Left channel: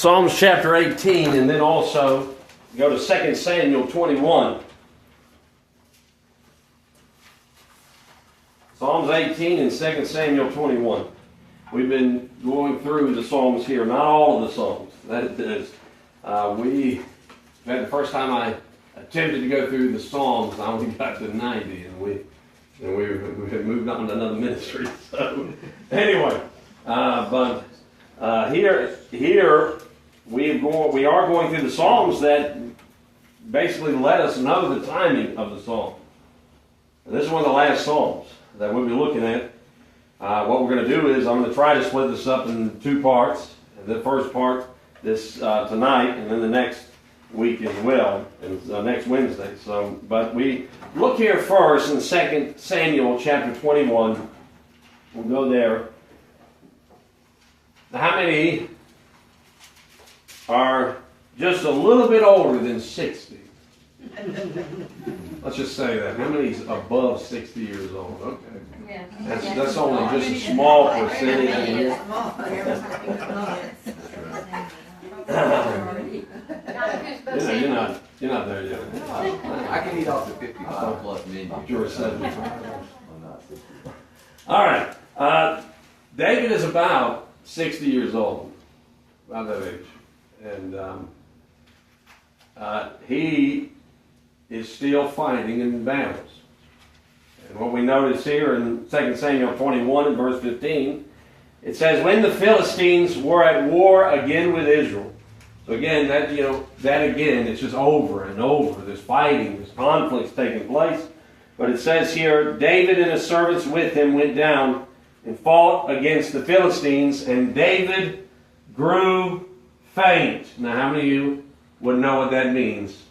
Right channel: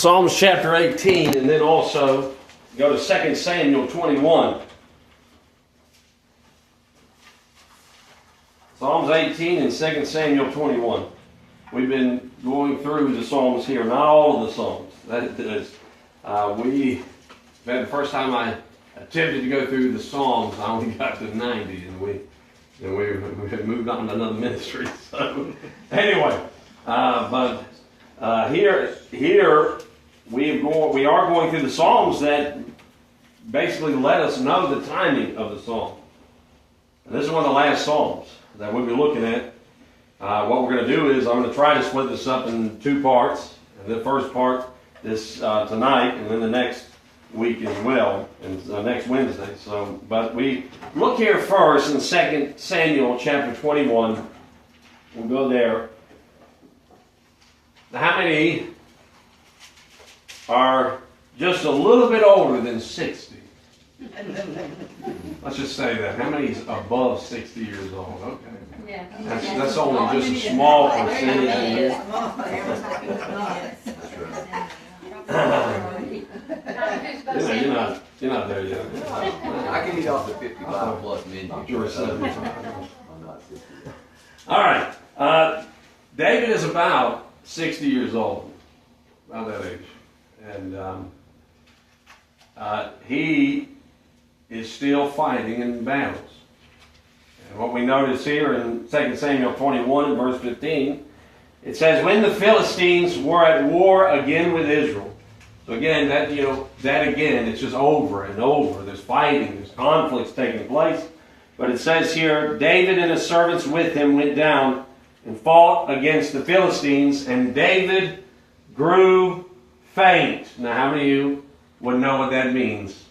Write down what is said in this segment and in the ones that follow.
Psalms chapter 18, and then also go to 2 Samuel 21. Psalms 18 and 2 Samuel 21. We've been going through the Psalms here, not all of the Psalms. That is, the first time I attempted to go through the Psalms, I only got to 90, and we had moved on to another ministry. So anyway, here we are going through the Psalms that basically let us know the timing of the Psalm. And this is one of the last Psalms that we'll be looking at. What we're going to do is I'm going to try to split this up in two parts. The first part this tonight, and then the next week as well, and next Wednesday. But we look here first in 2 Samuel chapter 21. We'll go there. Now, how many are just a little bit older than 60? Let's just say that. How many is above 60 years old? Okay. Yeah. That's only just a small percentage in here. You're not there yet. I can eat off the 55 plus men. You're 75. All right. David is about 60 years old, about that age. And he is still fighting in battles. And what we notice here in 2 Samuel 21 and verse 15, it says, when the Philistines were at war again with Israel. So again, that again, it's just over and over. There's fighting, there's conflicts taking place. But it says here, David and his servants with him went down and fought against the Philistines, and David grew faint. Now, how many of you would know what that means?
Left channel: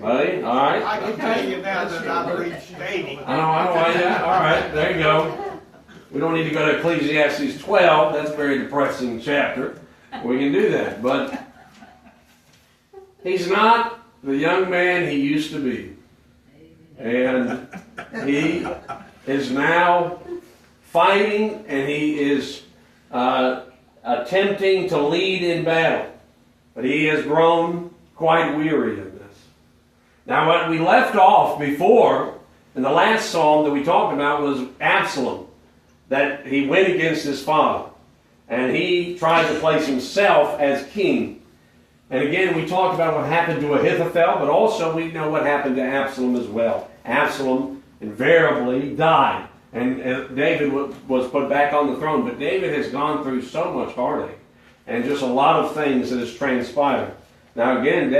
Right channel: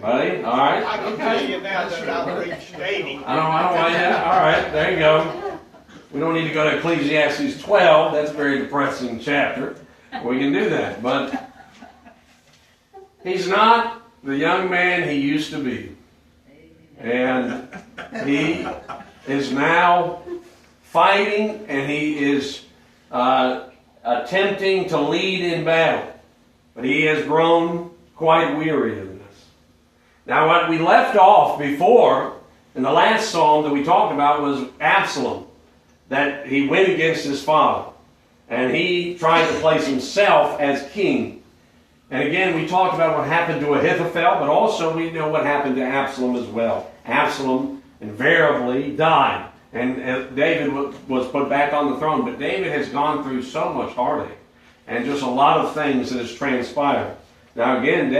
Buddy? All right. I can tell you now that I've reached 80. I don't know why that. All right, there you go. We don't need to go to Ecclesiastes 12. That's a very depressing chapter. We can do that. But he's not the young man he used to be. And he is now fighting, and he is attempting to lead in battle. But he has grown quite weary in this. Now, what we left off before, in the last psalm that we talked about, was Absalom. That he went against his father. And he tried to place himself as king. And again, we talked about what happened to Ahithophel, but also we know what happened to Absalom as well. Absalom invariably died. And David was put back on the throne. But David has gone through so much heartache and just a lot of things that has transpired. Now again,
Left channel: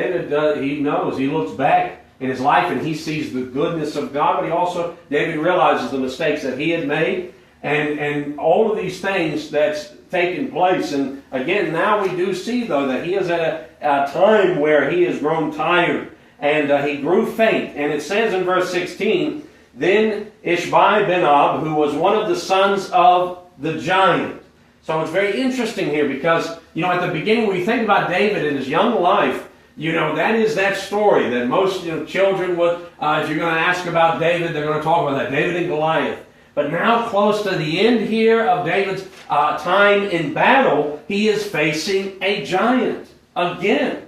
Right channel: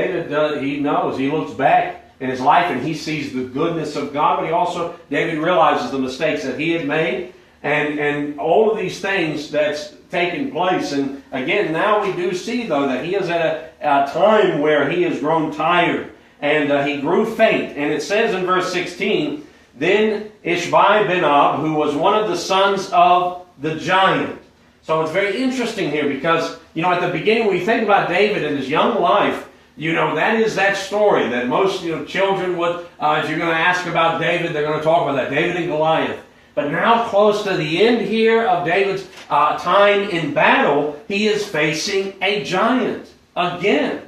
he knows, he looks back in his life and he sees the goodness of God, but David realizes the mistakes that he had made and all of these things that's taken place. And again, now we do see, though, that he is at a time where he has grown tired and he grew faint. And it says in verse 16, then Ishbi-Benob, who was one of the sons of the giant. So it's very interesting here because, at the beginning when you think about David in his young life, that is that story that most, children would, if you're going to ask about David, they're going to talk about that, David and Goliath. But now close to the end here of David's time in battle, he is facing a giant again.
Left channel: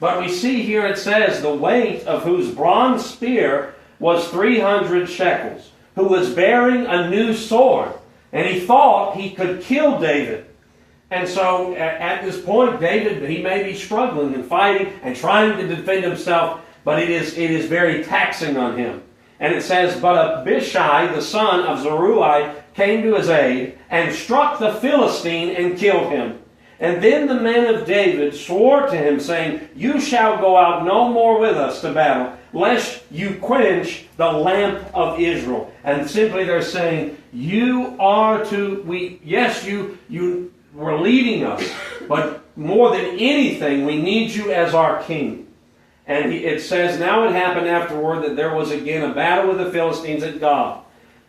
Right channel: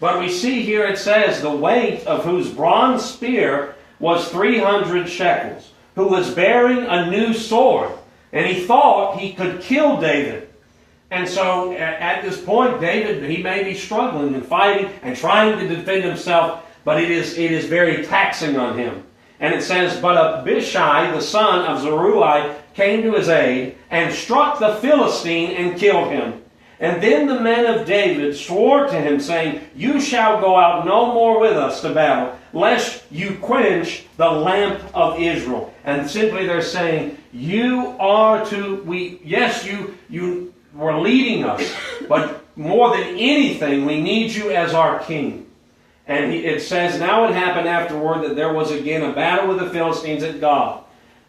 But we see here it says, the weight of whose bronze spear was 300 shekels, who was bearing a new sword. And he thought he could kill David. And so at this point, David, he may be struggling and fighting and trying to defend himself, but it is very taxing on him. And it says, but Abishai, the son of Zeruiah, came to his aid and struck the Philistine and killed him. And then the men of David swore to him, saying, you shall go out no more with us to battle, lest you quench the lamp of Israel. And simply they're saying, you were leading us, but more than anything, we need you as our king. And it says, now it happened afterward that there was again a battle with the Philistines at Gob.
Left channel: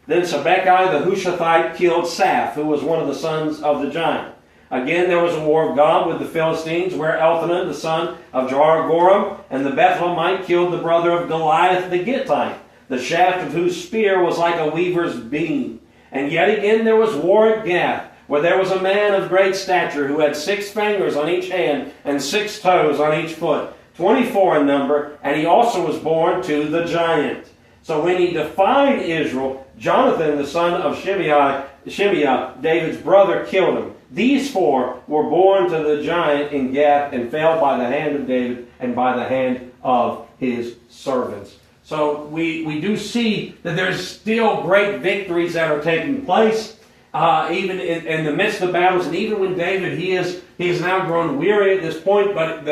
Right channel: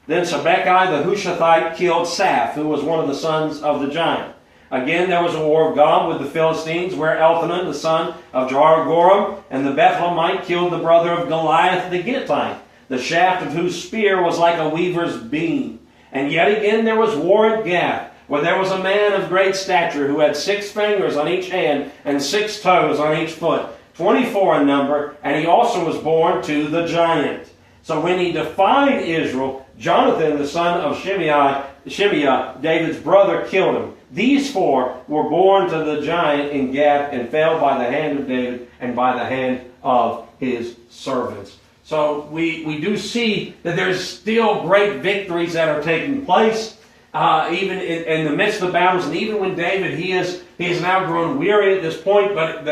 Then Sibbecai the Hushathite killed Saph, who was one of the sons of the giant. Again there was a war of Gob with the Philistines, where Elhanan the son of Jehoram and the Bethlehemite killed the brother of Goliath the Gittite, the shaft of whose spear was like a weaver's beam. And yet again there was war at Gath, where there was a man of great stature who had 6 fingers on each hand and 6 toes on each foot, 24 in number, and he also was born to the giant. So when he defied Israel, Jonathan, the son of Shimeah, David's brother, killed him. These 4 were born to the giant in Gath and fell by the hand of David and by the hand of his servants. So we do see that there's still great victories that are taking place, even in the midst of the battles, and even when David, he has now grown weary at this point, but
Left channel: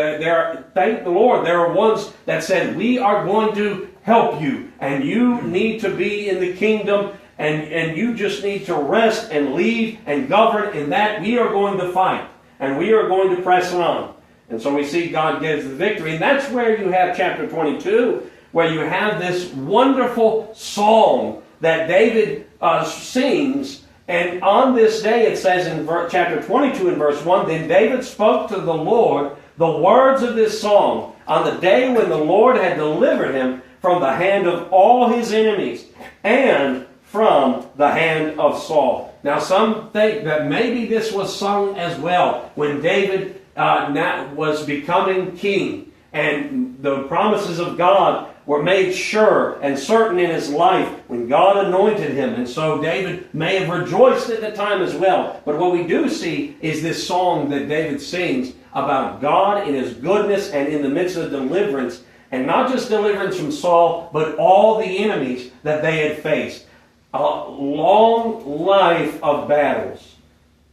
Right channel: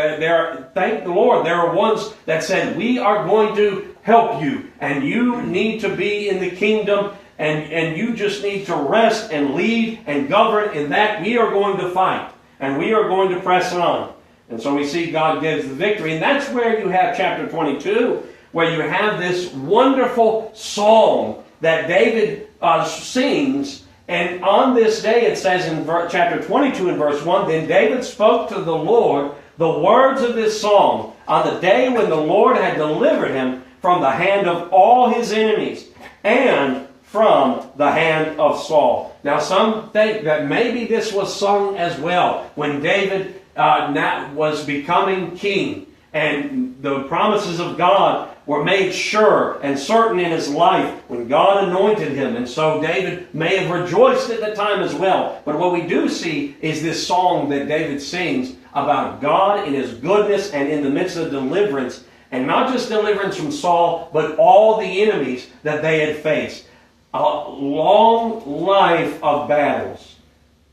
thank the Lord, there are ones that said, we are going to help you, and you need to be in the kingdom, and you just need to rest and lead and govern in that. We are going to fight, and we are going to press on. And so we see God gives the victory, and that's where you have chapter 22, where you have this wonderful song that David sings. And on this day, it says in chapter 22 and verse 1, then David spoke to the Lord the words of this song on the day when the Lord had delivered him from the hand of all his enemies and from the hand of Saul. Now some think that maybe this was sung as well when David was becoming king, and the promises of God were made sure and certain in his life when God anointed him. And so David may have rejoiced at the time as well. But what we do see is this song that David sings about God in his goodness and in the midst of deliverance. And not just deliverance from Saul, but all the enemies that they had faced. A long life of battles.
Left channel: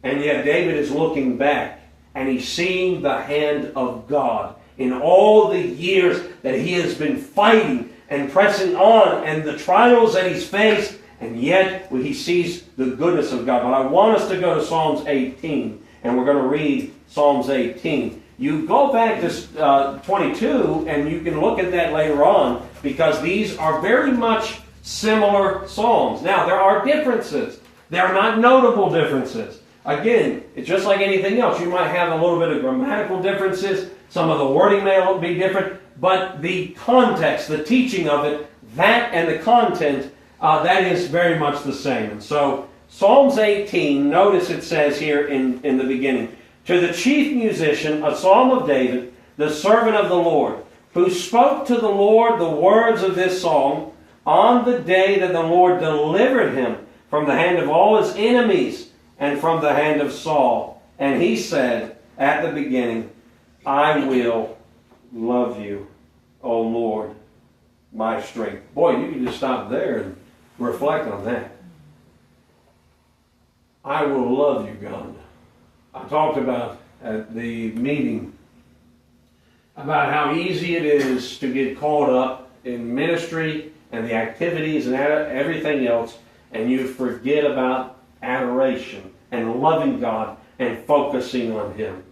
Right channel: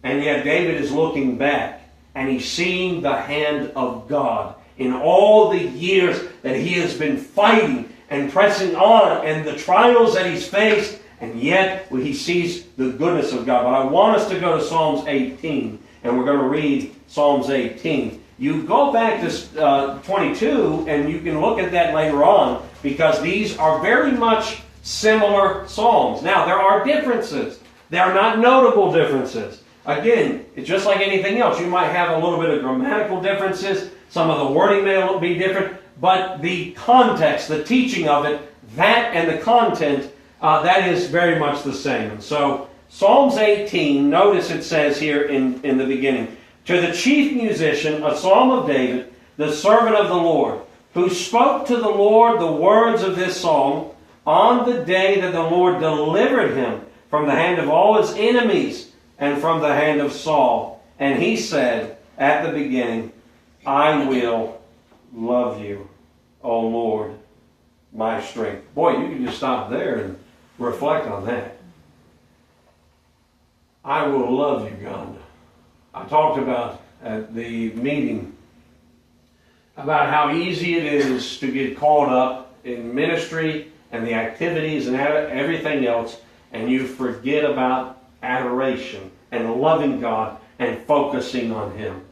And yet David is looking back and he's seeing the hand of God in all the years that he has been fighting and pressing on, and the trials that he's faced, and yet he sees the goodness of God. But I want us to go to Psalms 18, and we're going to read Psalms 18. You go back to 22, and you can look at that later on, because these are very much similar psalms. Now, there are differences. They are not notable differences. Again, it's just like anything else. You might have a little bit of grammatical differences. Some of the wording may be different. But the context, the teaching of it, that and the content, that is very much the same. And so, Psalms 18, notice it says here in the beginning, to the chief musician, a psalm of David, the servant of the Lord, who spoke to the Lord the words of this song on the day that the Lord delivered him from the hand of all his enemies and from the hand of Saul. And he said at the beginning, I will love you, O Lord, my strength. Boy, you can just stop there and reflect on that. I will love you, God. I talked about at the meeting about how easy it is to get caught up in ministry and the activities and everything else, and you forget about adoration and loving God and focusing on Him.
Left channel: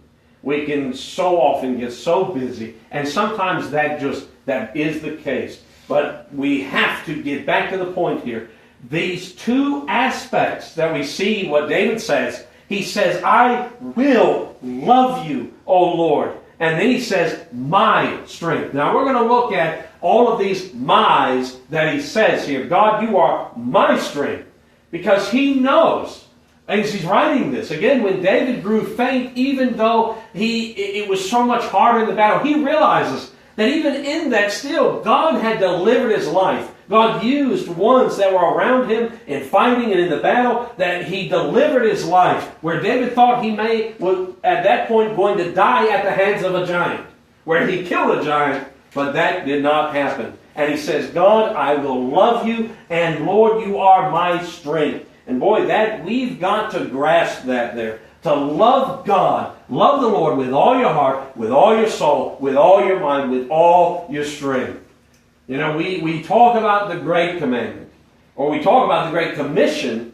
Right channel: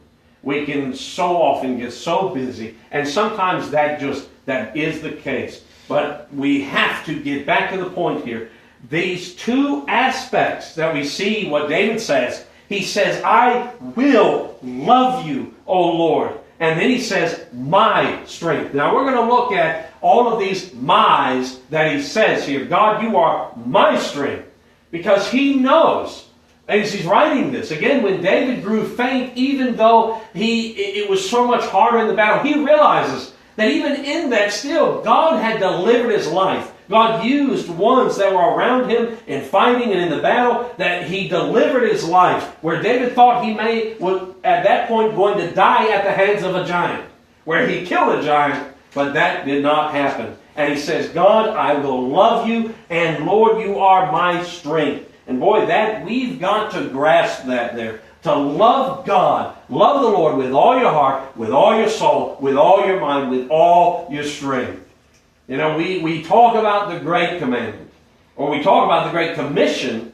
We can so often get so busy, and sometimes that is the case. But we have to get back to the point here. These two aspects that we see what David says. He says, I will love you, O Lord. And then he says, my strength. Now we're going to look at all of these my's that he says here. God, you are my strength. Because he knows, as he's writing this, again, when David grew faint, even though it was so much harder in the battle, he realizes that even in that still, God had delivered his life. God used ones that were around him in fighting and in the battle, that he delivered his life. Where David thought he was at that point going to die at the hands of a giant. Where he killed a giant, but that did not happen. And he says, God, I will love you, and Lord, you are my strength. And boy, that we've got to grasp that there. To love God, love the Lord with all your heart, with all your soul, with all your mind, with all your strength. You know, we talk about the Great Commandment, or we talk about the Great Commission,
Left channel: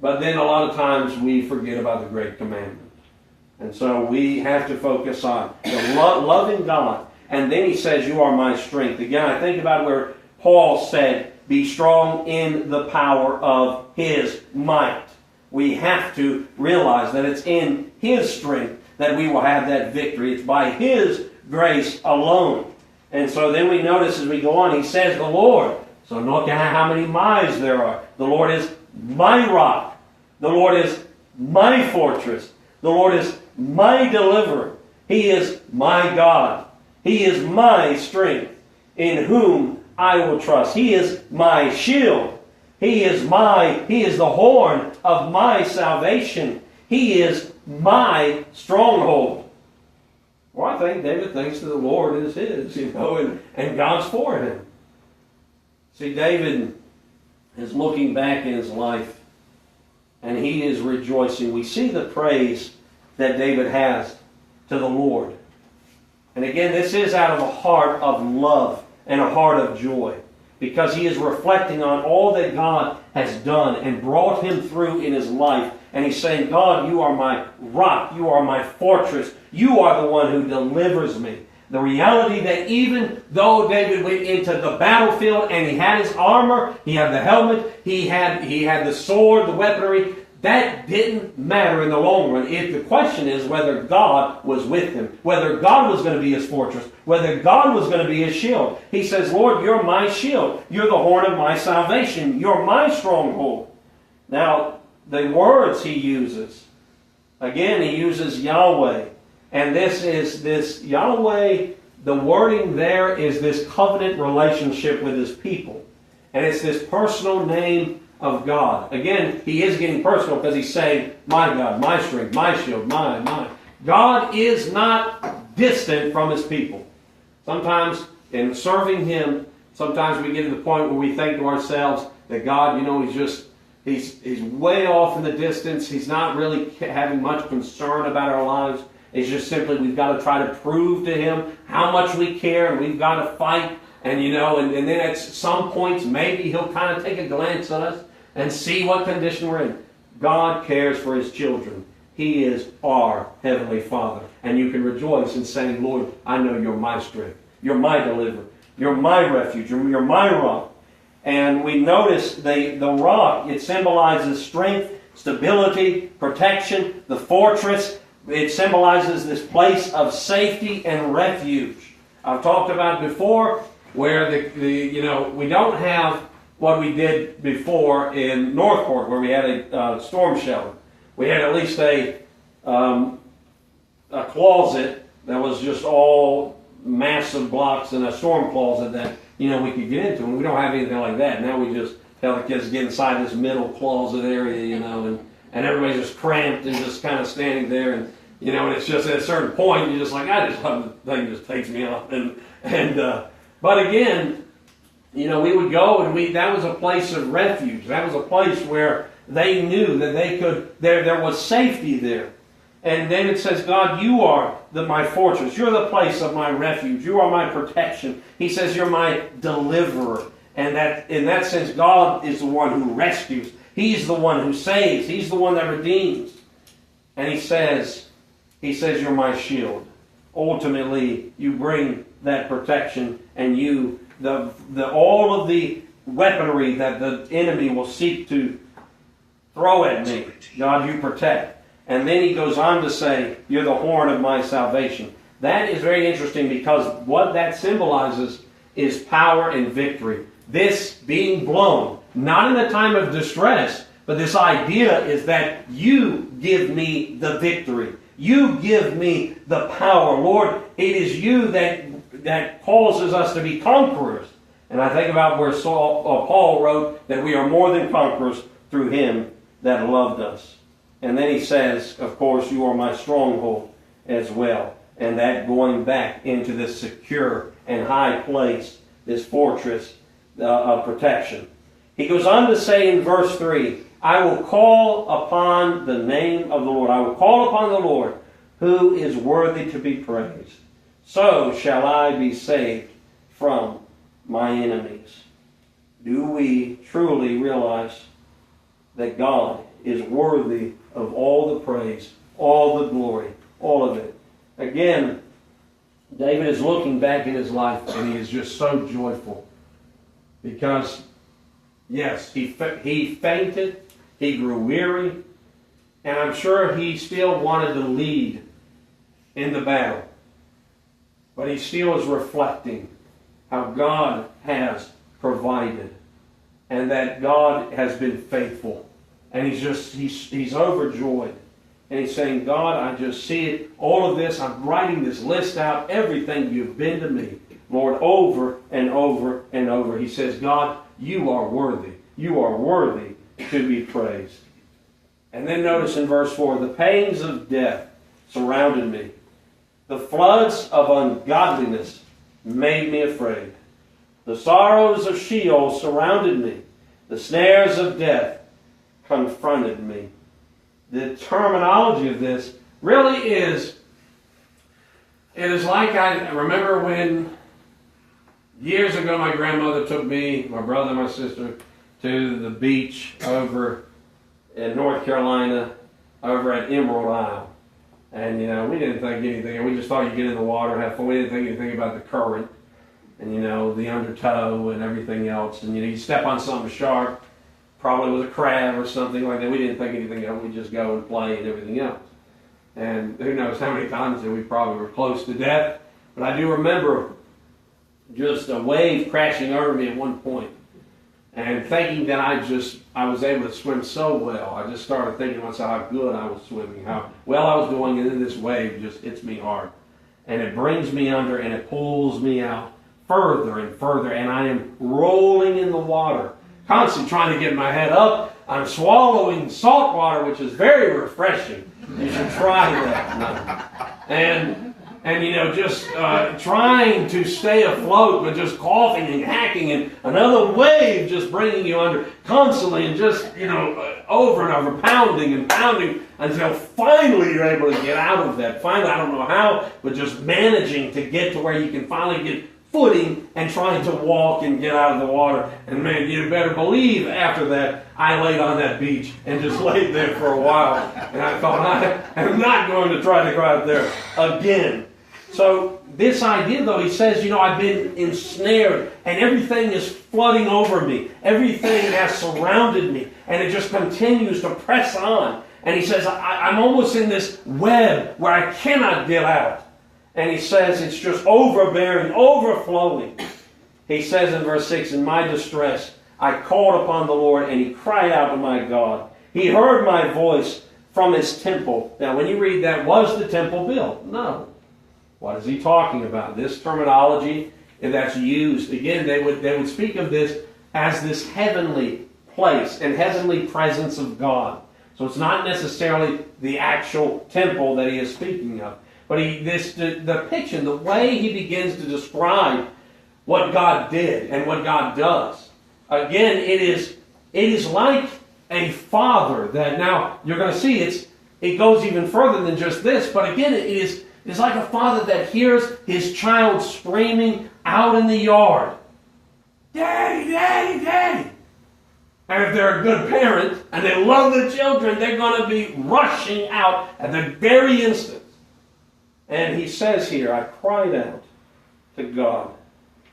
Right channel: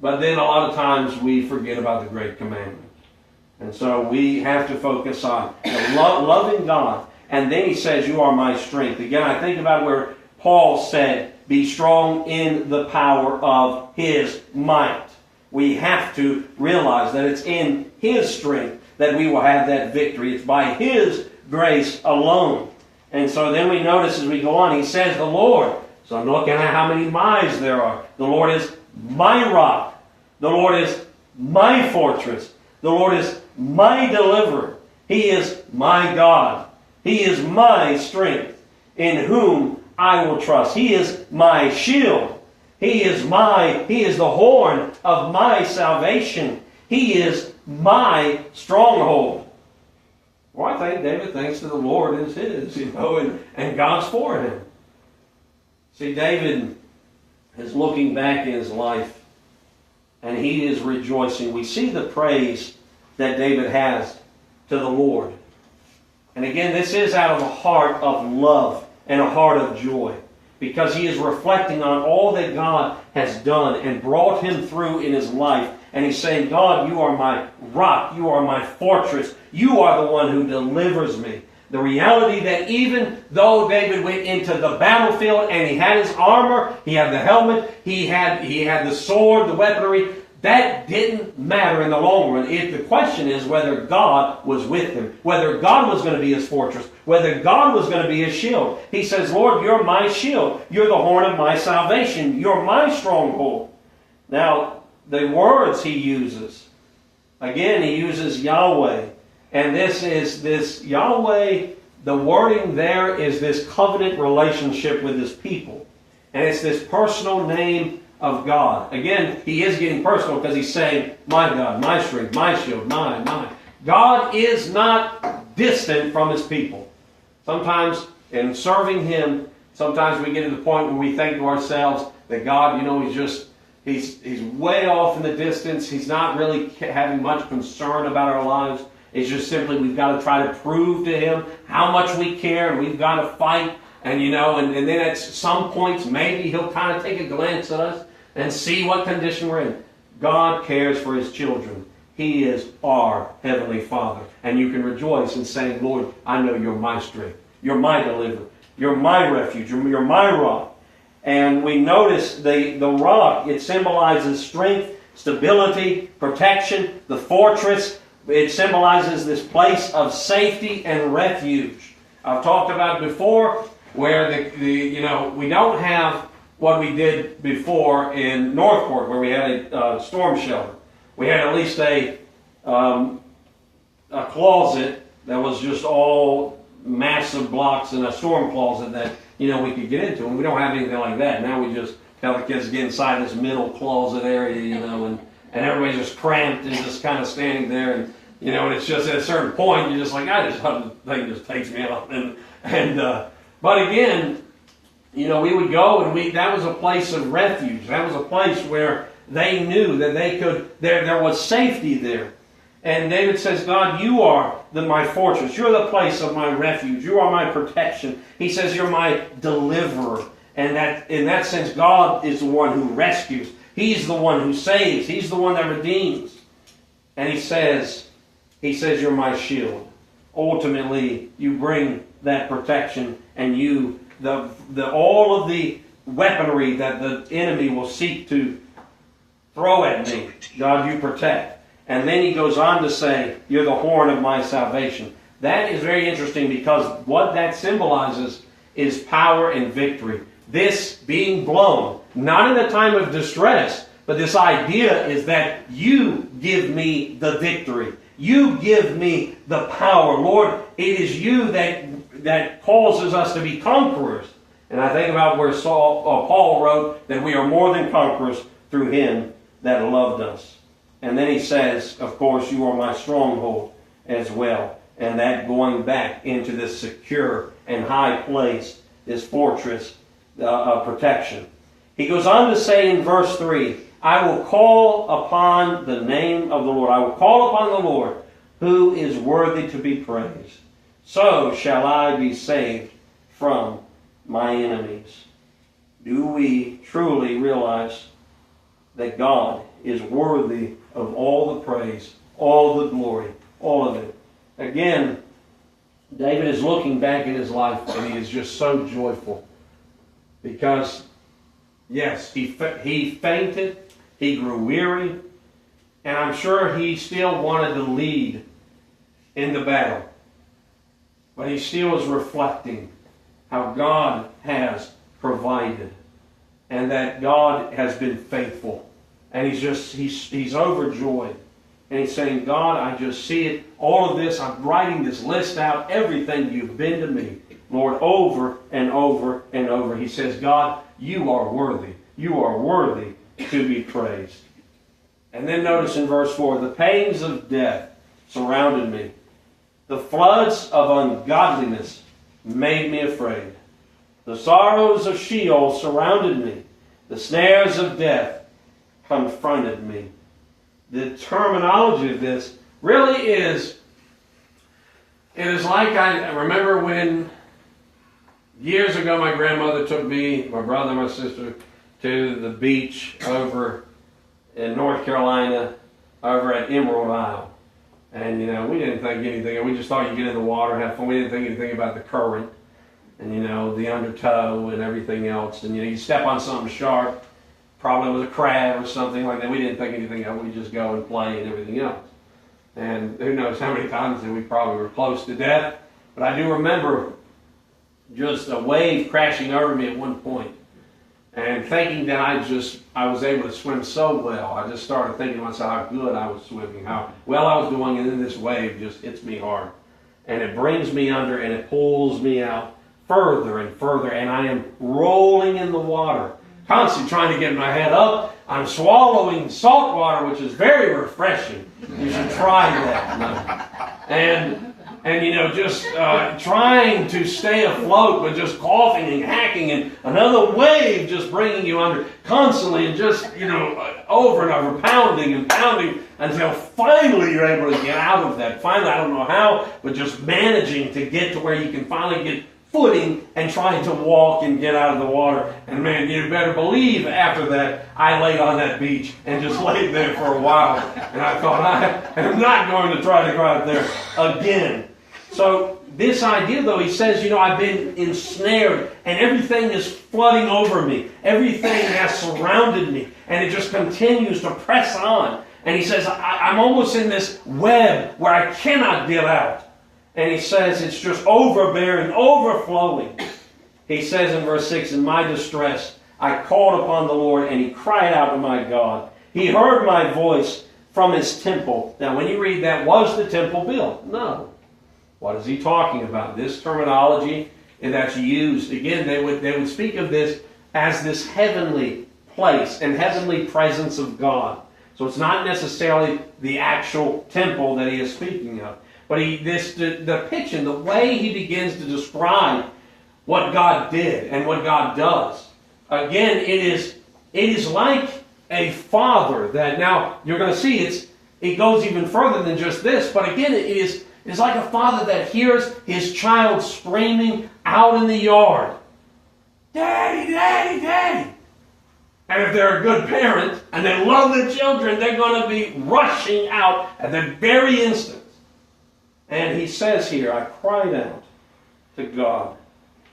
but then a lot of times we forget about the Great Commandment. And so we have to focus on loving God. And then he says, you are my strength. Again, I think about where Paul said, be strong in the power of his might. We have to realize that it's in his strength that we will have that victory. It's by his grace alone. And so then we notice as we go on, he says the Lord. So I'm looking at how many my's there are. The Lord is my rock. The Lord is my fortress. The Lord is my deliverer. He is my God. He is my strength, in whom I will trust. He is my shield. He is the horn of my salvation. He is my stronghold. Well, I think David thinks that the Lord is his, and God's for him. See, David is looking back in his life, and he is rejoicing. We see the praise that David has to the Lord. And again, this is out of a heart of love and a heart of joy, because he is reflecting on all that God has done and brought him through in his life. And he's saying, God, you are my rock. You are my fortress. You are the one who delivers me. The reality that even though David went into the battlefield and he had his armor, he had the helmet, he had the sword, the weaponry, that didn't matter in the long run. The question is whether God was with him, whether God was going to be his fortress, whether God was going to be his shield. He says, Lord, you're my shield. You're the horn of my salvation. You're my stronghold. Now, the words he uses, again, he uses Yahweh. And this Yahweh, the wording there is this covenant relationship with his people. And it's this personal name of God. Again, he is getting personal because he's saying, my God, my strength, my shield, my. God is not distant from his people. Sometimes in serving him, sometimes we get to the point where we think to ourselves that God, he's way off in the distance. He's not really having much concern about our lives. It's just simply we've got to try to prove to him how much we care, and we've got to fight. And then at some points maybe he'll kind of take a glance at us and see what condition we're in. God cares for his children. He is our Heavenly Father. And you can rejoice in saying, Lord, I know you're my strength. You're my deliverer. You're my refuge. You're my rock. And we notice the rock, it symbolizes strength, stability, protection, the fortress. It symbolizes this place of safety and refuge. I've talked about before where we don't have what we did before in Northport, where we had a storm shelter. We had at least a closet that was just all massive blocks and a storm closet that we could get into, and we don't have anything like that. Now we just tell the kids to get inside this middle closet area, and everybody's just cramped and just kind of standing there, and it's just at a certain point you're just like, the thing just takes me out, but again, we would go, and that was a place of refuge. That was a place where they knew that they could, there was safety there. And David says, God, you are my fortress. You're the place of my refuge. You are my protection. He says, you're my deliverer. And that in that sense, God is the one who rescues. He's the one who saves. He's the one that redeems. And he says, you're my shield. Ultimately, you bring that protection, and all of the weaponry that the enemy will seek to throw at me, God, you protect. And then he goes on to say, you're the horn of my salvation. That is very interesting, because what that symbolizes is power and victory. This being blown, not in a time of distress, but this idea is that you give me the victory. You give me the power. Lord, it is you that causes us to be conquerors. And I think about where Paul wrote that we are more than conquerors through him that loved us. And then he says, of course, you are my stronghold as well. And that going back into this secure and high place, this fortress of protection. He goes on to say in verse 3, I will call upon the name of the Lord. I will call upon the Lord, who is worthy to be praised. So shall I be saved from my enemies. Do we truly realize that God is worthy of all the praise, all the glory, all of it? Again, David is looking back in his life, and he is just so joyful. Because, yes, he fainted, he grew weary, and I'm sure he still wanted to lead in the battle. But he still is reflecting how God has provided, and that God has been faithful. And he's overjoyed. And he's saying, God, I just see it, all of this, I'm writing this list out, everything you've been to me, Lord, over and over and over. He says, God, you are worthy. You are worthy to be praised. And then notice in verse 4, the pains of death surrounded me. The floods of ungodliness made me afraid. The sorrows of Sheol surrounded me. The snares of death confronted me. The terminology of this really is, it is like I remember when years ago my grandmother took me, my brother, my sister, to the beach over in North Carolina, over at Emerald Isle. And, we didn't think anything. We just thought you'd get in the water, have fun. We didn't think anything about the current and, the undertow and everything else. And, you step on something sharp, probably was a crab or something like that. We didn't think anything of it. We just go and play and everything else. And who knows how many times that we probably were close to death. But I do remember just a wave crashing over me at one point. And thinking that I was able to swim so well, I just started thinking to myself how good I was swimming, how well I was doing, and then this wave just hits me hard. And it brings me under and it pulls me out further and further, and I am rolling in the water, constantly trying to get my head up. I'm swallowing salt water, which is very refreshing. You should try that. And just trying to stay afloat, but just coughing and hacking, and another wave just bringing you under constantly, and just, over and over, pounding and pounding, until finally you're able to get out of that. Finally, I don't know how, but just managing to get to where you can finally get footing and trying to walk and get out of the water. And man, you better believe after that, I laid on that beach and just laid there for a while. And I thought, I am not going to try to go out there again. So this idea, though, he says, I've been ensnared and everything is flooding over me. Everything has surrounded me. And it just continues to press on. And he says, I'm almost in this web where I cannot get out. And he says it's just overbearing, overflowing. He says in verse 6, in my distress, I called upon the Lord, and he cried out to my God. He heard my voice from his temple. Now, when you read that, was the temple built? No. What is he talking about? This terminology that's used, again, they would speak of this as this heavenly place and heavenly presence of God. So it's not necessarily the actual temple that he is speaking of. But the picture, the way he begins to describe what God did and what God does. Again, it is like a father that, now you're going to see it goes even further than just this. But again, it's like a father that hears his child screaming out in the yard, "Daddy, Daddy, Daddy!" And if they're a good parent and they love their children, they're going to be rushing out at the very instant. And he says here, I cried out to God,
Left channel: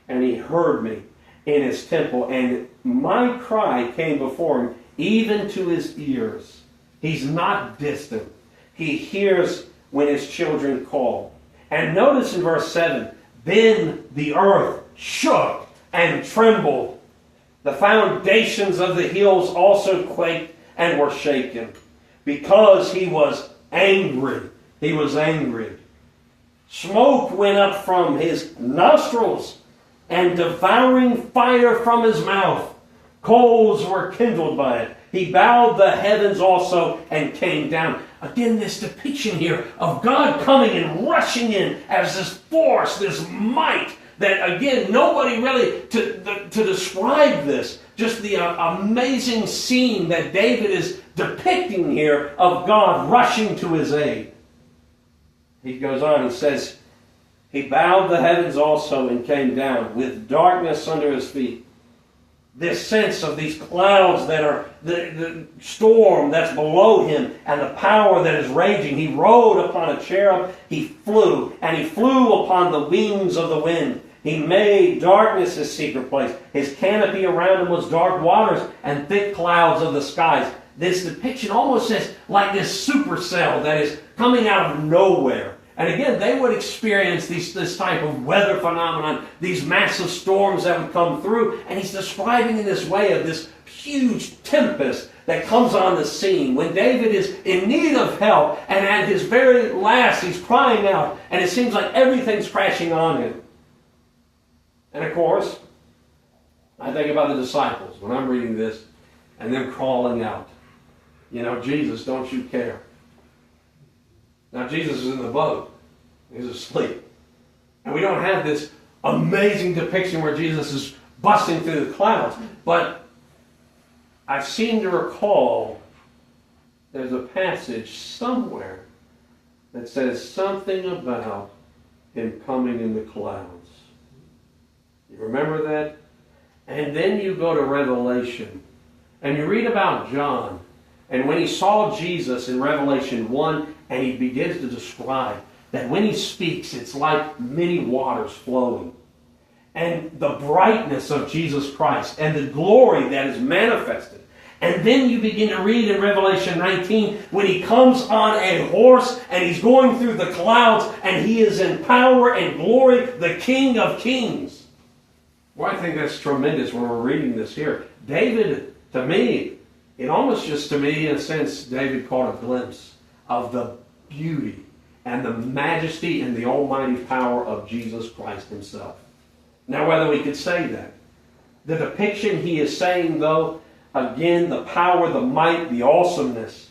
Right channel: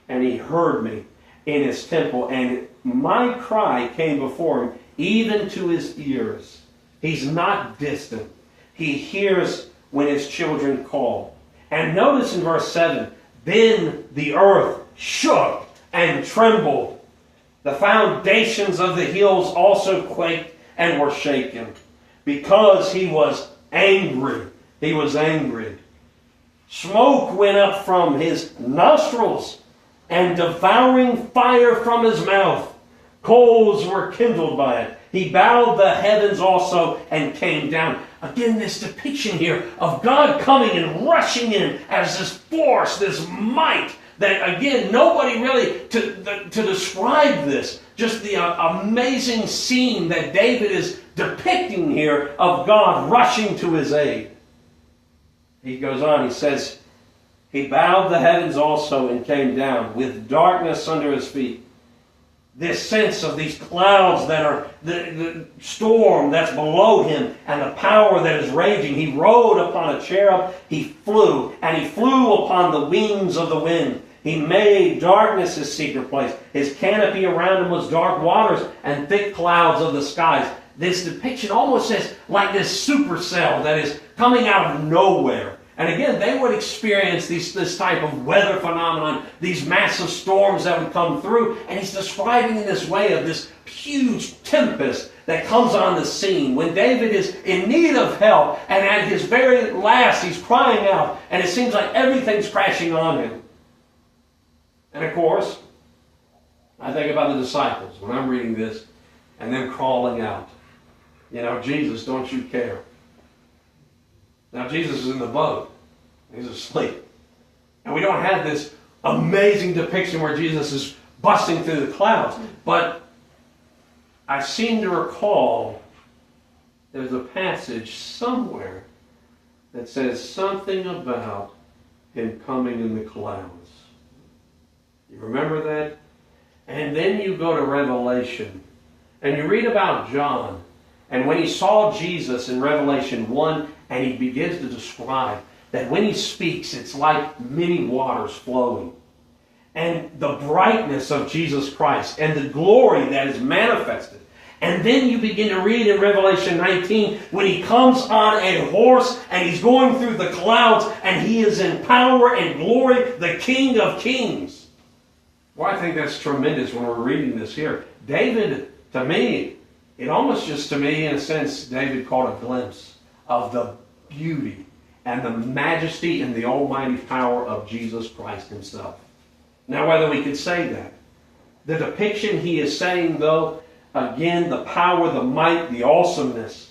and he heard me in his temple, and my cry came before him, even to his ears. He's not distant. He hears when his children call. And notice in verse 7, then the earth shook and trembled. The foundations of the hills also quaked and were shaken, because he was angry. He was angry. Smoke went up from his nostrils, and devouring fire from his mouth. Coals were kindled by it. He bowed the heavens also and came down. Again, this depiction here of God coming and rushing in as this force, this might, that again, nobody really, to describe this, just the amazing scene that David is depicting here of God rushing to his aid. He goes on, he says, he bowed the heavens also and came down with darkness under his feet. This sense of these clouds that are the storm that's below him and the power that is raging. He rode upon a cherub, he flew, and he flew upon the wings of the wind. He made darkness his secret place. His canopy around him was dark waters and thick clouds of the skies. This depiction almost says like this supercell that is coming out of nowhere. And again, they would experience this type of weather phenomenon, these massive storms that would come through. And he's describing in this way of this huge tempest that comes on the scene when David is in need of help, and at his very last he's crying out, and it seems like everything's crashing on him. And of course, I think about the disciples when I'm reading this and them crawling out. You know, Jesus, don't you care? Now Jesus is in the boat. He's asleep. And we don't have this amazing depiction where Jesus is busting through the clouds. But I seem to recall there's a passage somewhere that says something about him coming in the clouds. You remember that? And then you go to Revelation and you read about John. And when he saw Jesus in Revelation 1, and he begins to describe that when he speaks, it's like many waters flowing. And the brightness of Jesus Christ and the glory that is manifested. And then you begin to read in Revelation 19 when he comes on a horse and he's going through the clouds and he is in power and glory, the King of Kings. Well, I think that's tremendous when we're reading this here. David, to me, it almost just to me, in a sense, David caught a glimpse of the beauty and the majesty and the almighty power of Jesus Christ himself. Now, whether we could say that, the depiction he is saying, though, again, the power, the might, the awesomeness,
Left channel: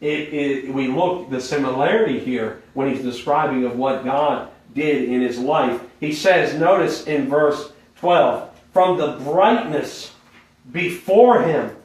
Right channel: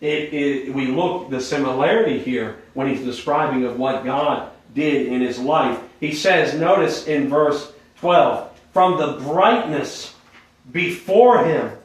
we look the similarity here when he's describing of what God did in his life. He says, notice in verse 12, from the brightness before him,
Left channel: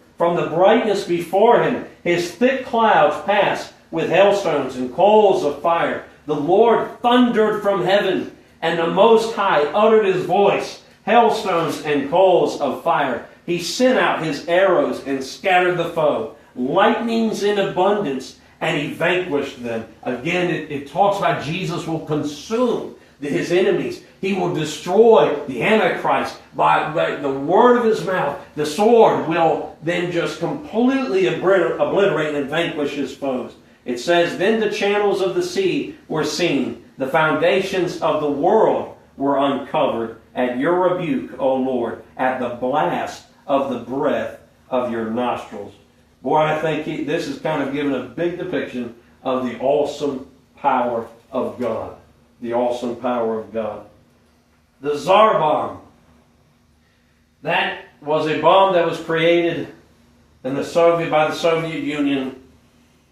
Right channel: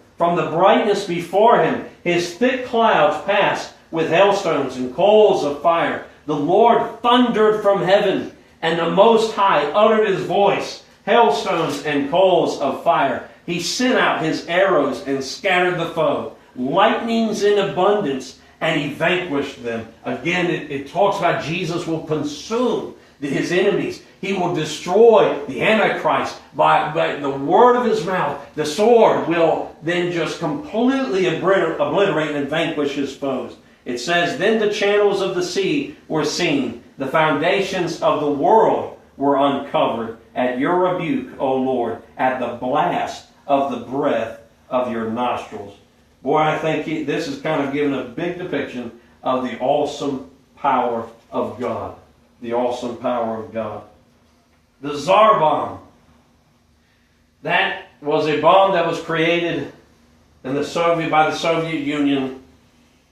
his thick clouds passed with hailstones and coals of fire. The Lord thundered from heaven, and the Most High uttered his voice, hailstones and coals of fire. He sent out his arrows and scattered the foe, lightnings in abundance, and he vanquished them. Again, it talks about Jesus will consume his enemies. He will destroy the Antichrist by the word of his mouth. The sword will then just completely obliterate and vanquish his foes. It says, then the channels of the sea were seen. The foundations of the world were uncovered at your rebuke, O Lord, at the blast of the breath of your nostrils. Boy, I think this is kind of giving a big depiction of the awesome power of God. The awesome power of God. The Tsar bomb. That was a bomb that was created by the Soviet Union,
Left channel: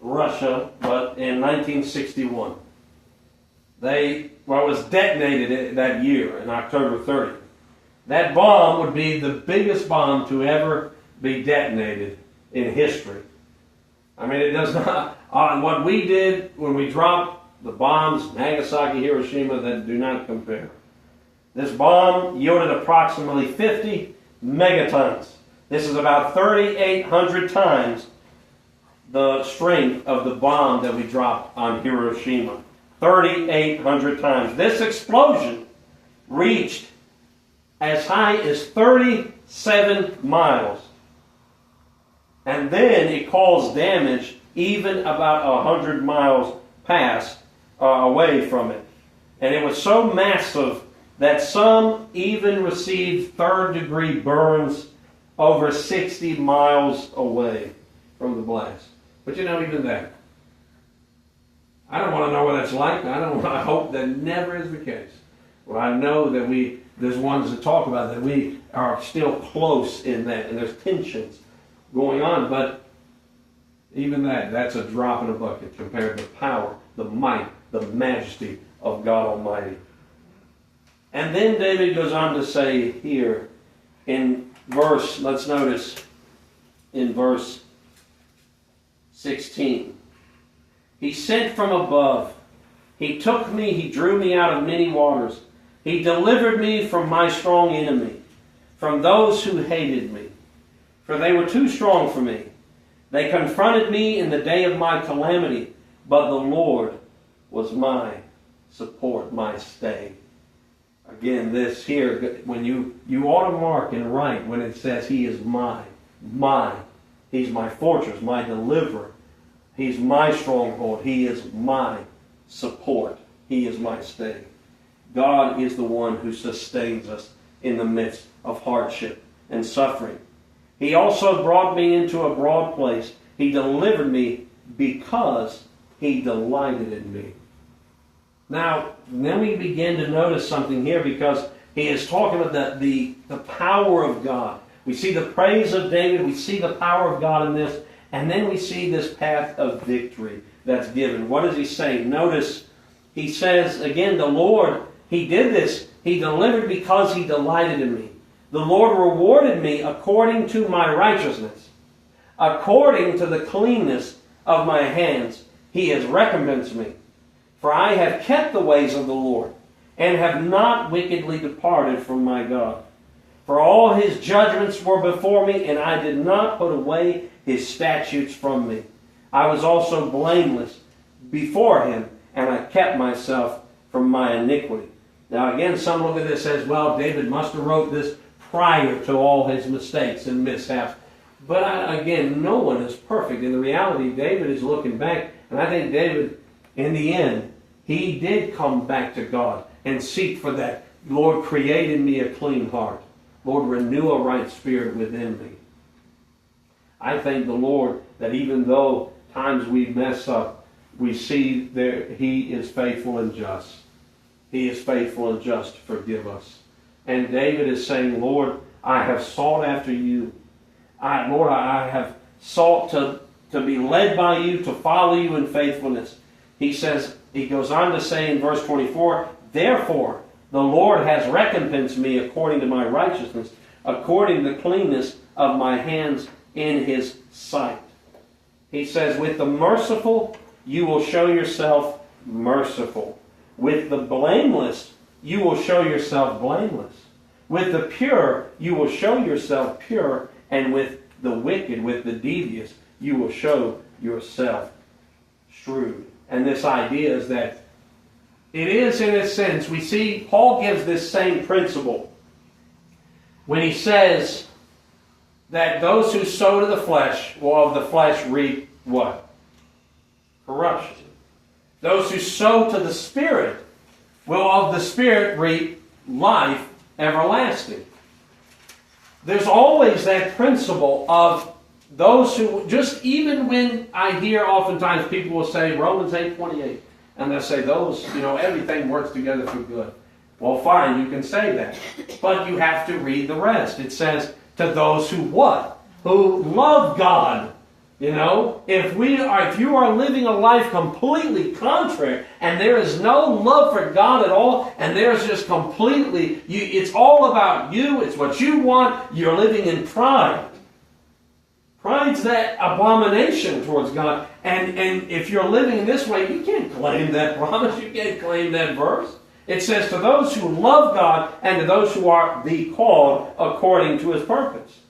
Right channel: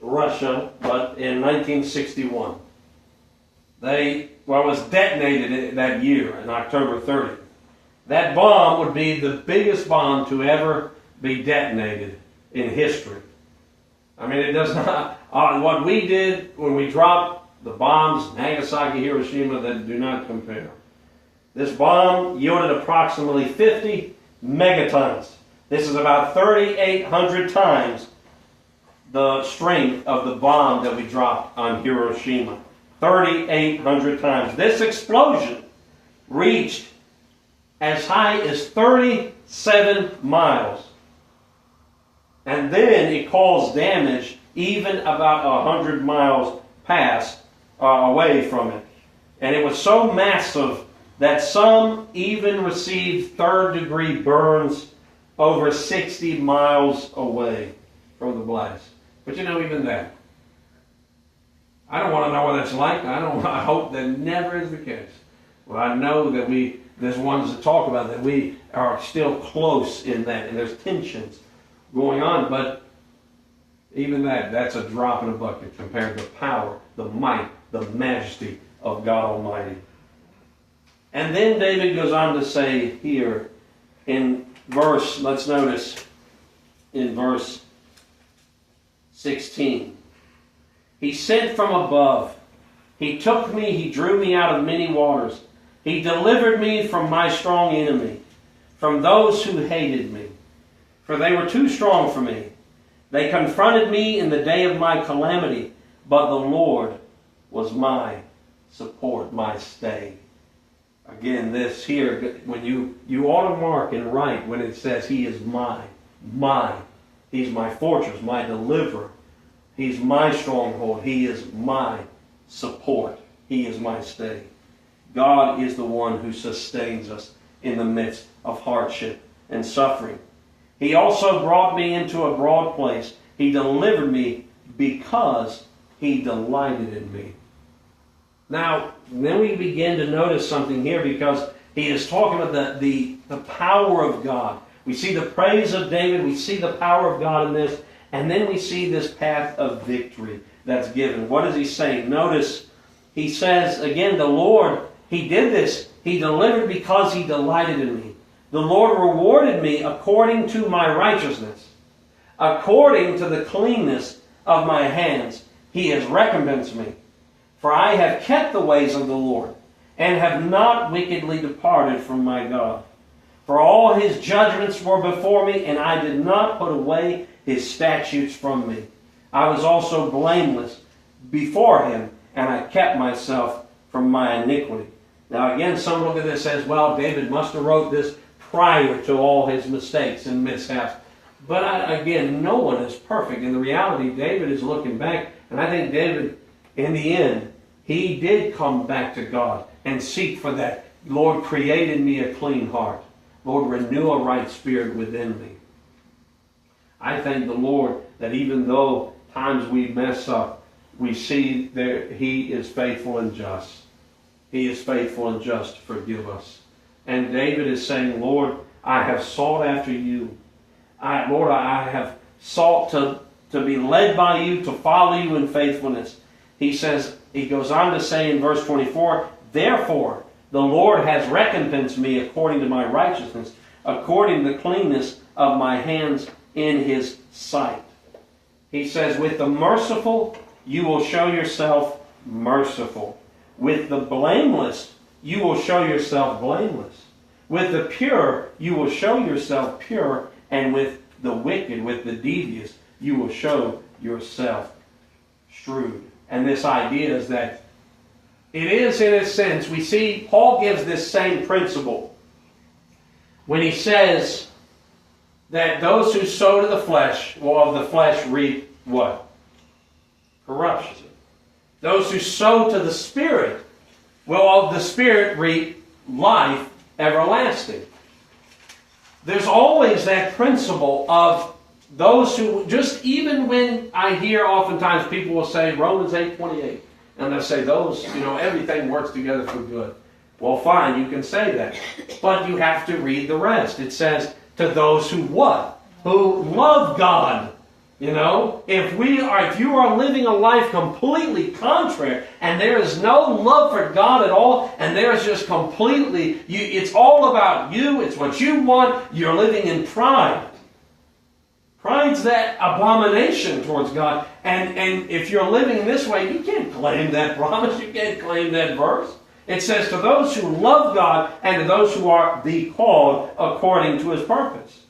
Russia, but in 1961. It was detonated that year, on October 30th. That bomb would be the biggest bomb to ever be detonated in history. I mean, it does not... what we did when we dropped the bombs, Nagasaki, Hiroshima, that do not compare. This bomb yielded approximately 50 megatons. This is about 3,800 times the strength of the bomb that we dropped on Hiroshima. 3,800 times. This explosion reached as high as 37 miles. And then it caused damage even about 100 miles past away from it. And it was so massive that some even received third-degree burns over 60 miles away from the blast. But you know, even that, I don't want to know what it's like. I hope that never is the case. Well, I know that there's ones that talk about that we are still close in that, and there's tensions going on, but even that's a drop in a bucket compared to the power, the might, the majesty of God Almighty. And then David goes on to say here in let's notice in verse 16. He sent from above. He took me, he drew me out of many waters. He delivered me from my strong enemy, from those who hated me. For they were too strong for me. They confronted me in the day of my calamity, but the Lord was my support, my stay. Again, this here, when you ought to mark and write when it says he is mine. He's my fortress, my deliverer. He's my stronghold. He is my support. He is my stay. God is the one who sustains us in the midst of hardship and suffering. He also brought me into a broad place. He delivered me because He delighted in me. Now, then we begin to notice something here, because he is talking about the power of God. We see the praise of David. We see the power of God in this. And then we see this path of victory that's given. What is he saying? Notice, he says, again, the Lord, He did this. He delivered because He delighted in me. The Lord rewarded me according to my righteousness. According to the cleanness of my hands, He has recompensed me. For I have kept the ways of the Lord, and have not wickedly departed from my God. For all His judgments were before me, and I did not put away His statutes from me. I was also blameless before Him, and I kept myself from my iniquity. Now again, some look at this as, well, David must have wrote this prior to all his mistakes and mishaps. But again, no one is perfect. In the reality, David is looking back, and I think David, in the end, he did come back to God and seek for that. Lord, create in me a clean heart. Lord, renew a right spirit within me. I thank the Lord that even though times we mess up, we see that He is faithful and just. He is faithful and just to forgive us. And David is saying, Lord, I have sought after you. Lord, I have sought to be led by you, to follow you in faithfulness. He goes on to say in verse 24, therefore the Lord has recompensed me according to my righteousness, according to the cleanness of my hands in His sight. He says, with the merciful you will show yourself merciful. With the blameless you will show yourself blameless. With the pure you will show yourself pure. And with the wicked, with the devious, you will show yourself shrewd. And this idea is that it is, in a sense, we see Paul gives this same principle when he says that those who sow to the flesh will of the flesh reap what? Corruption. Those who sow to the Spirit will of the Spirit reap life everlasting. There's always that principle of those who, just even when I hear oftentimes people will say Romans 8:28, and they'll say those, everything works together for good. Well, fine, you can say that. But you have to read the rest. It says, to those who what? Who love God. If you are living a life completely contrary, and there is no love for God at all, and there's just completely, it's all about you, it's what you want, you're living in pride. Pride's that abomination towards God. And if you're living in this way, you can't claim that promise, you can't claim that verse. It says, to those who love God, and to those who are the called according to His purpose.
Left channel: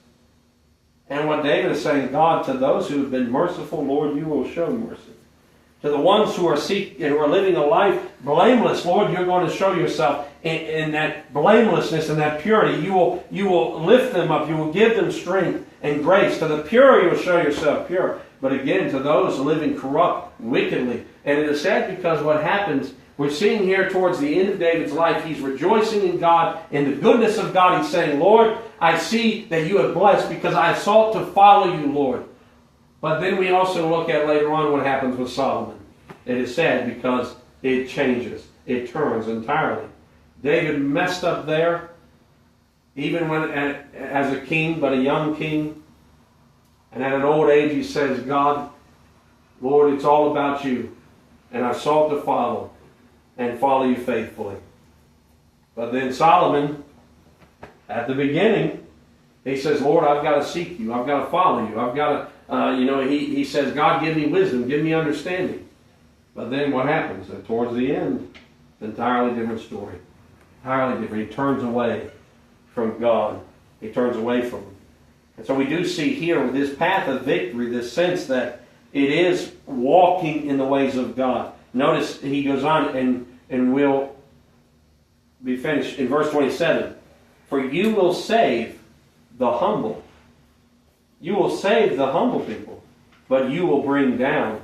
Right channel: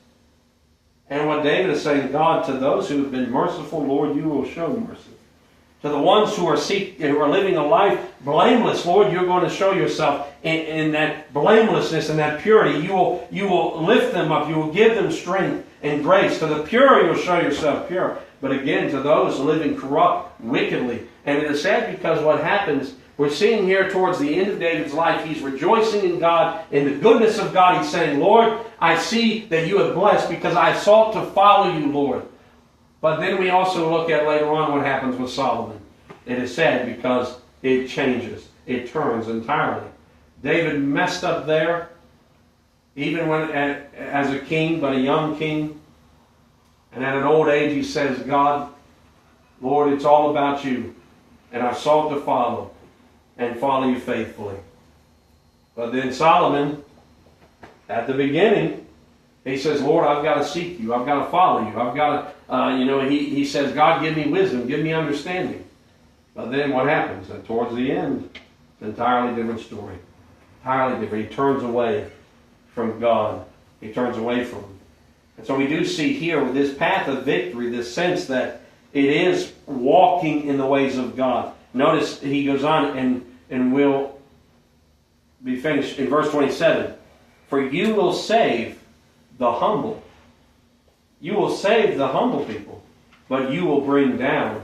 And what David is saying, God, to those who have been merciful, Lord, you will show mercy. To the ones who are living a life blameless, Lord, you're going to show yourself in that blamelessness and that purity. You will lift them up. You will give them strength and grace. To the pure, you will show yourself pure. But again, to those living corrupt, wickedly. And it is sad because what happens, we're seeing here towards the end of David's life, he's rejoicing in God, in the goodness of God. He's saying, Lord, I see that you have blessed because I have sought to follow you, Lord. But then we also look at later on what happens with Solomon. It is sad because it changes. It turns entirely. David messed up there, even when as a king, but a young king. And at an old age he says, God, Lord, it's all about you. And I've sought to follow you faithfully. But then Solomon, at the beginning, he says, Lord, I've got to seek you. I've got to follow you. I've got to, he says, God, give me wisdom. Give me understanding. But then what happens? And towards the end, it's an entirely different story. Entirely different. He turns away from God. He turns away from Him. And so we do see here with this path of victory, this sense that it is walking in the ways of God. Notice he goes on, and we'll be finished in verse 27. For you will save the humble. You will save the humble people, but you will bring down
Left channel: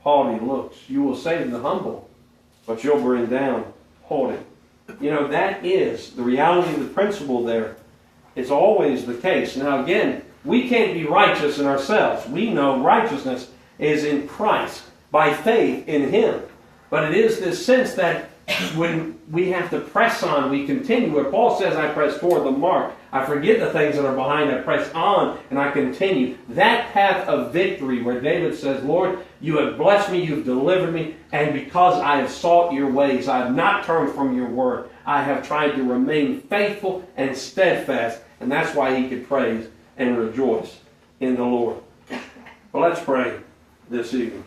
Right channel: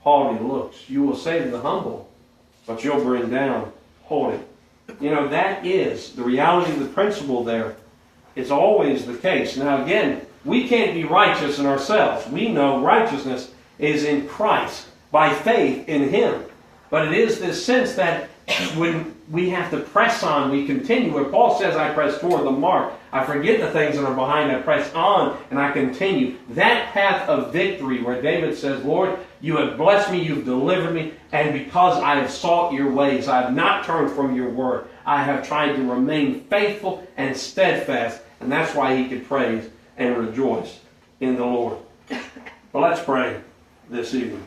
haughty looks. You will save the humble, but you'll bring down haughty. That is the reality of the principle there. It's always the case. Now again, We can't be righteous in ourselves. We know righteousness is in Christ, by faith in Him. But it is this sense that when we have to press on, we continue. Where Paul says, I press toward the mark. I forget the things that are behind. I press on and I continue. That path of victory where David says, Lord, you have blessed me, you've delivered me, and because I have sought your ways, I have not turned from your word. I have tried to remain faithful and steadfast. And that's why he could praise and rejoice in the Lord. Well, let's pray this evening.